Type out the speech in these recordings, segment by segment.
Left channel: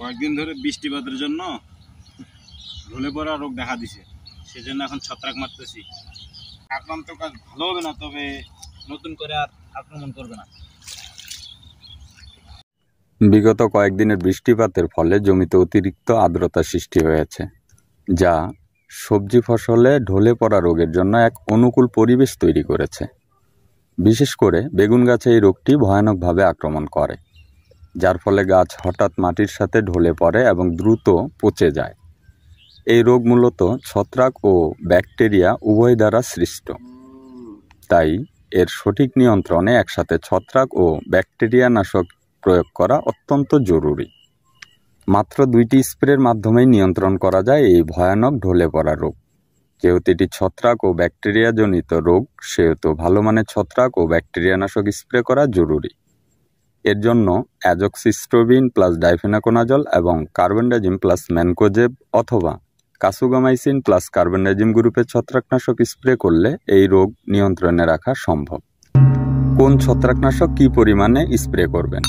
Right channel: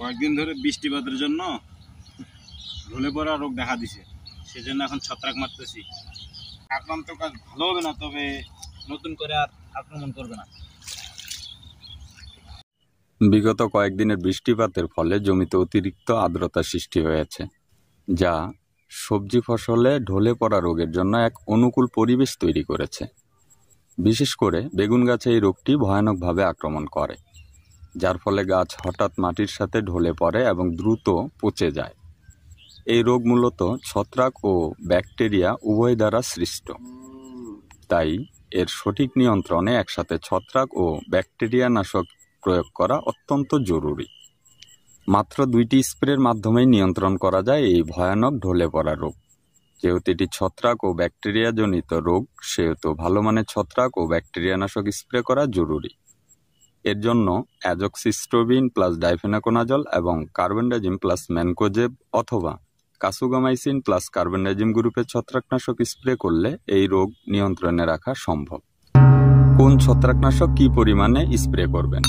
কয়েকদিন ধরে বৃষ্টিপাতের জন্য ঢলে পড়া রোগ দেখা দিছে, সেজন্য এখন ছত্রাক মারতেছি। আক্রান্ত কাজ ভালো হবে না, তবে নতুন করে আর আক্রমণ করবে না। বিগত কয়েকদিনের বৃষ্টিপাতের ফলে জমিতে অতিরিক্ত আর্দ্রতা সৃষ্টি হয়েছে, যা সবজি ফসলে ঢলে পড়া রোগের জন্য এক অনুকূল পরিবেশ তৈরি করেছে। বিশেষ করে বেগুন গাছে এই রোগটি ভয়ানকভাবে আক্রমণ করে, যার ফলে গাছ হঠাৎ মাটির সাথে ঢলে পড়ে এবং দ্রুত পচে যায়। এই রোগ মূলত ছত্রাক ও ব্যাকটেরিয়া উভয় দ্বারা সৃষ্ট, তাই এর সঠিক নিয়ন্ত্রণে একসাথে ছত্রাক ও ব্যাকটেরিয়া নাশক প্রয়োগ করা অত্যন্ত জরুরি। মাত্র 2টি স্প্রের মাধ্যমেই নিয়ন্ত্রণ করা যায় এই ভয়ানক ঢলে পড়া রোগ। যেহেতু এটি ছত্রাক ও ব্যাকটেরিয়া জনিত রোগ, সেহেতু ভালো মানের ছত্রাক ও ব্যাকটেরিয়া নাশক স্প্রে করা জরুরি। এর জন্য অ্যাজক্সিস্ট্রোবিন প্লাস ডাইফেনাকোনাজল এবং কার্বেন্ডাজিম প্লাস ম্যানকোজেব অথবা কাসুগামাইসিন প্লাস কার্বেন্ডাজিম গ্রুপের ছত্রাকনাশক স্প্রে করলে এই রোগ নিয়ন্ত্রণে রাখা সম্ভব। কোন ছত্রাকনাশক কী পরিমাণে স্প্রে করবেন?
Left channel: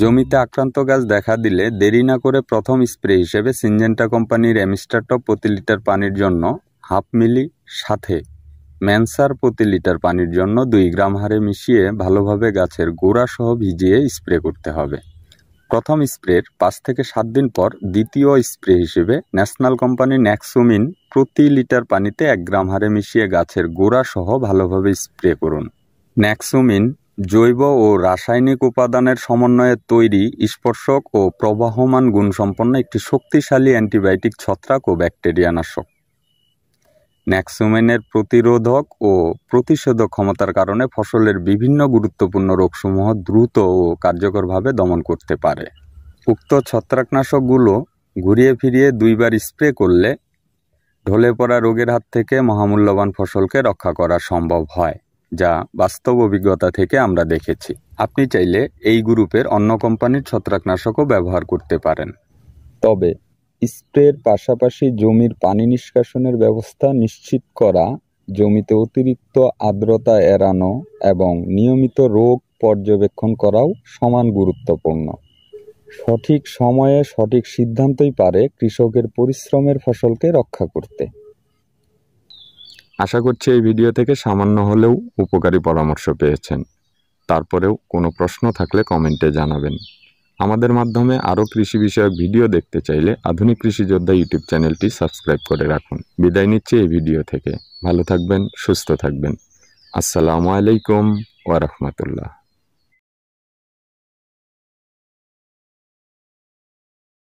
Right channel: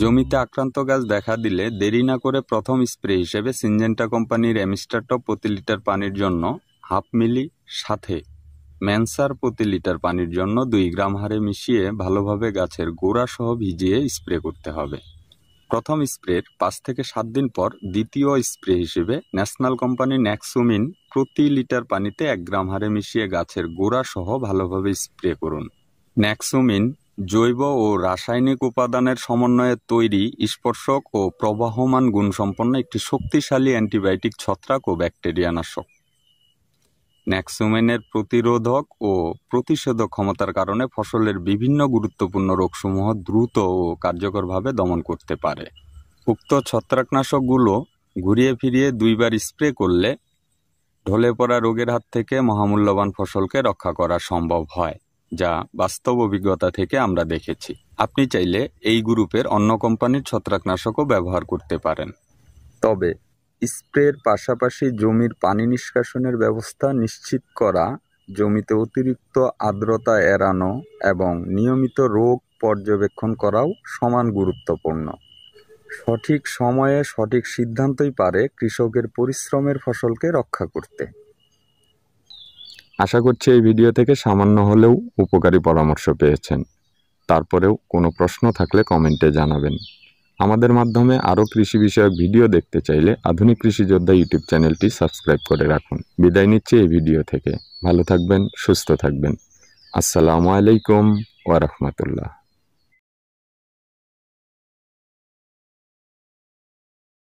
জমিতে আক্রান্ত গাছ দেখা দিলে দেরি না করে প্রথম স্প্রে হিসেবে সিনজেন্টা কোম্পানির অ্যামিস্টারটপ প্রতি লিটার পানির জন্য 1/2 মিলি সাথে ম্যানসার প্রতি লিটার পানির জন্য 2 গ্রাম হারে মিশিয়ে ভালোভাবে গাছের গোড়া সহ ভিজিয়ে স্প্রে করতে হবে। প্রথম স্প্রের 5 থেকে 7 দিন পর দ্বিতীয় স্প্রে হিসেবে ন্যাশনাল কোম্পানির ন্যাক্সোমিন প্রতি লিটার পানিতে 1 গ্রাম হারে মিশিয়ে গাছের গোড়া সহ ভালোভাবে স্প্রে করুন। ন্যাক্সোমিন জৈব ও রাসায়নিক উপাদানের সমন্বয়ে তৈরি স্পর্শক ও প্রবাহমান গুণসম্পন্ন একটি শক্তিশালী অ্যান্টিবায়োটিক ছত্রাক ও ব্যাকটেরিয়া নাশক। ন্যাক্সোমিনের প্রতিরোধক ও প্রতিষেধক ক্ষমতার কারণে ফসলের বিভিন্ন গুরুত্বপূর্ণ রোগসমূহ দ্রুত ও কার্যকরভাবে দমন করতে পারে। উক্ত ছত্রাকনাশকগুলো ঘুরিয়ে ফিরিয়ে 2 বার স্প্রে করলে ঢলে পড়া রোগের হাত থেকে মহামূল্যবান ফসলকে রক্ষা করা সম্ভব হয়, যা বাস্তব অভিজ্ঞতা থেকে আমরা দেখেছি। আপনি চাইলে এই গ্রুপের অন্য কোম্পানির ছত্রাকনাশকও ব্যবহার করতে পারেন, তবে স্প্রের পাশাপাশি জমির পানি নিষ্কাশনের ব্যবস্থা নিশ্চিত করা, জমিতে অতিরিক্ত আর্দ্রতা এড়ানো এবং নিয়মিত রোগ পর্যবেক্ষণ করাও সমান গুরুত্বপূর্ণ। সঠিক সময়ে সঠিক সিদ্ধান্তই পারে কৃষকের পরিশ্রমের ফসলকে রক্ষা করতে। আশা করছি এই ভিডিও থেকে সামান্য হলেও উপকারী পরামর্শ পেয়েছেন। তারপরেও কোনো প্রশ্ন থাকলে কমেন্টে জানাবেন। আমাদের মাধ্যমে আরও কৃষি বিষয়ক ভিডিও দেখতে চাইলে আধুনিক কৃষি যোদ্ধা ইউটিউব চ্যানেলটি সাবস্ক্রাইব করে রাখুন। বিদায় নিচ্ছি এই ভিডিও থেকে। ভালো থাকবেন, সুস্থ থাকবেন। আসসালামু আলাইকুম ওয়া রাহমাতুল্লাহ।